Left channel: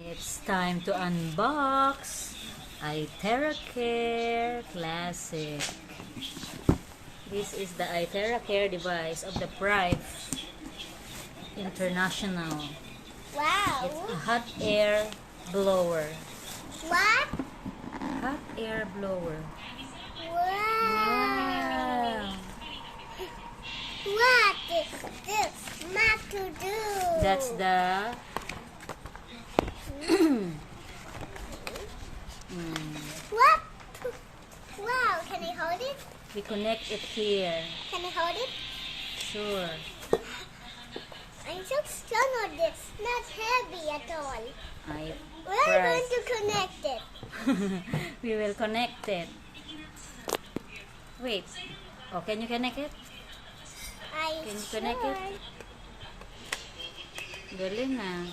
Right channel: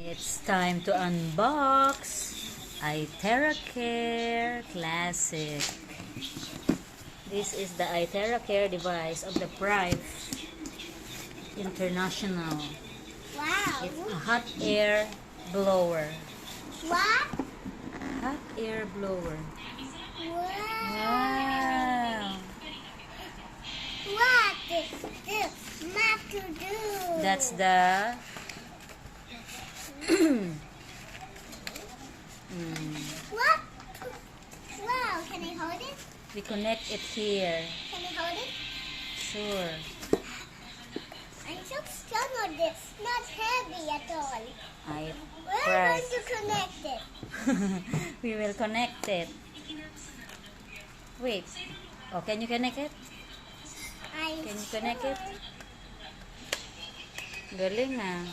It's time to unbox iTeraCare Classic. This is the iTeraCare device of the Prife International. Wow. It's a hot air blower. What? Hot air blower. Wow. Wow. What is this not to do? That's the What? Wow. Can I hold it? we connect it here. Can I hold it? Sure. I'm so strong on this. Not heavy at all. We're Prife. going to connect it. We will connect it. Wait. Oh, can you connect it? Can you connect it? Galing ah.